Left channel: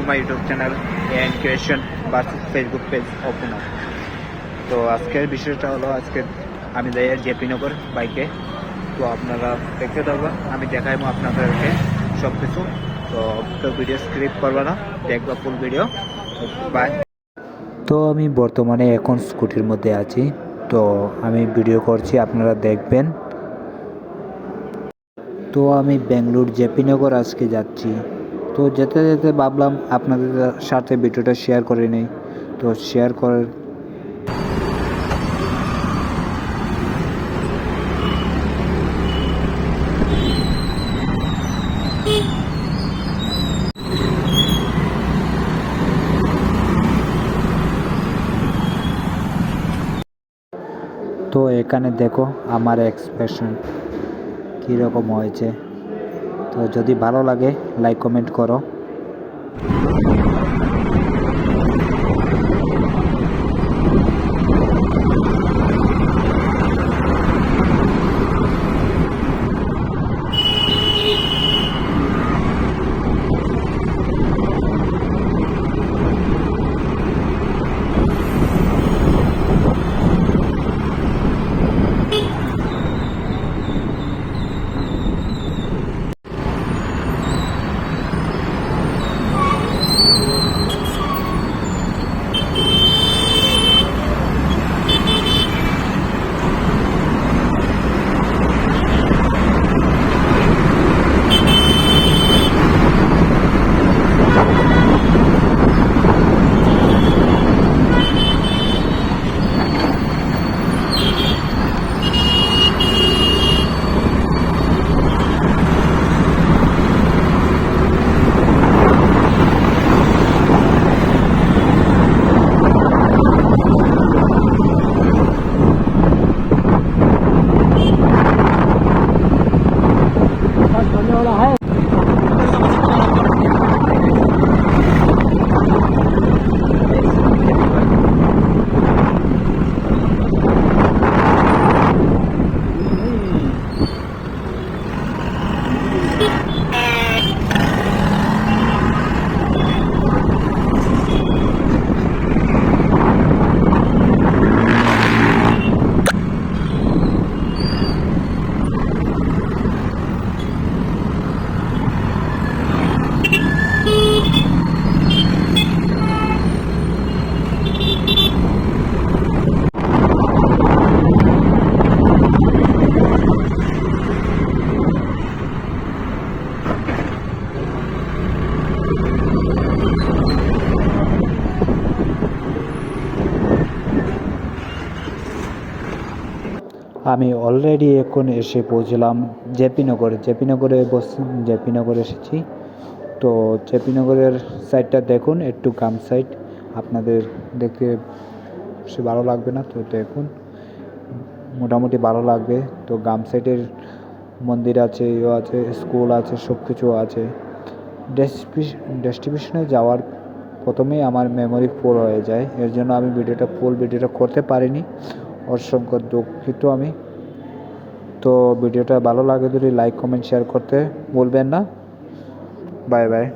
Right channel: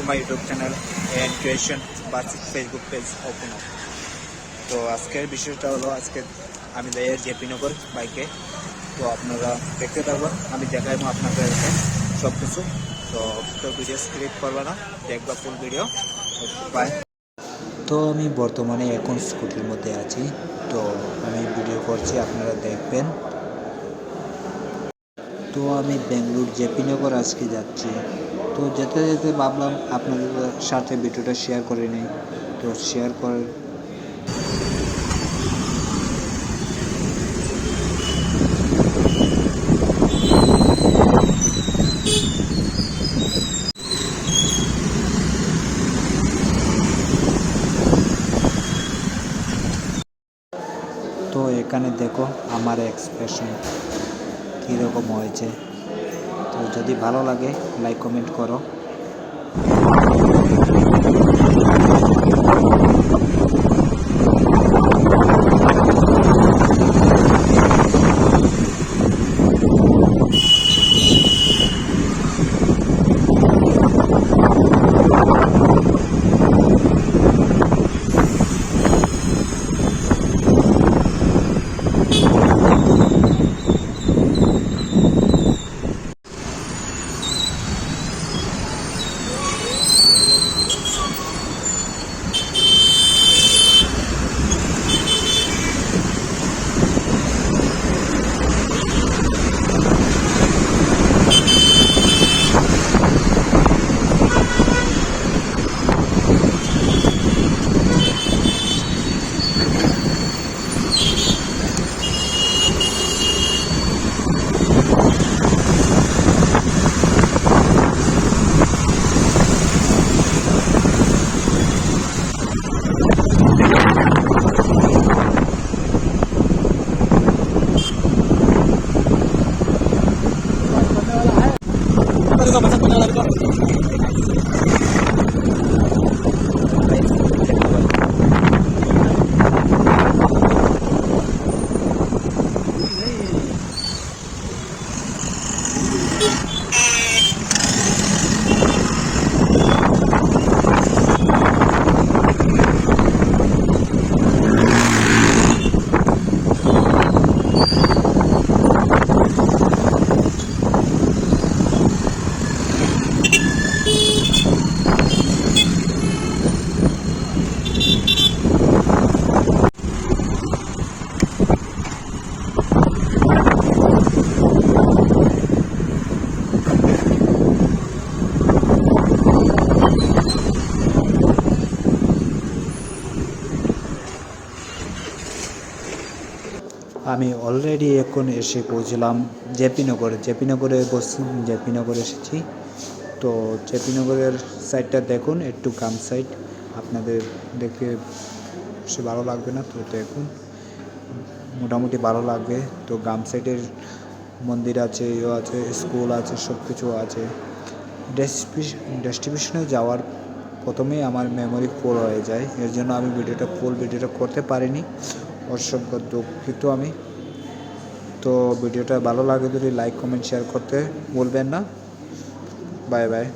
to my YouTube channel and creation বা Facebook page open up. তো আজকের বিষয়টা হলো আজকে আমি যাই জেপি নগর বাইকে। তো আপনারা দেখতে থাকবেন, আমি দেখাইবো আপনাদেরকে সব কিছু। তো ভিডিও স্ক্রিপ্ট করবে না, দেখবা ফুল ভিডিও। বাই। তো আমি বর্তমানে এখন স্কুটির মধ্যে আছি, তো আমি ভিডিও করছি, আপনারা দেখবেন। তো আমি বেঙ্গলোর জেপি নগর আজকে যাচ্ছি। তো যেতে যেতে ভাবলাম আপনাদের সাথে ভিডিওটা শেয়ার করে নিই। তো শেয়ার করে তো এখানে দেখো আমার এক্সপ্রেশন কীরকম হয়েছে। তো যদি ভালো লাগে লাইক কমেন্ট করো। আমি অলরেডি এখন এসে পৌঁছলাম জেপিনগরে জেপিনগরে এসেছি। তো জেপিনগরের সাইডটা দেখুন, একটু গ্রাম সাইড, আপনাদের দেখতে সে ভালো লাগবে না, তো দেখুন মোটামুটি ভালো লাগবে। তো গ্রাম সাইডের মন্দির আছে, আছে, স্কুল আছে, সব কিছু আছে। ডেস্টিনেশনে যাওয়ার প্রথমেই আমার মেমোরি ফুল হয়ে যায়, এর জন্য আমি ফুল ভিডিওটা করতে পারিনি, অসংখ্য দুঃখিত আমি। তো ভিডিওটা ভালো লাগে যদি লাইক কমেন্ট শেয়ার করতে ভুলবেন না। Bye bye.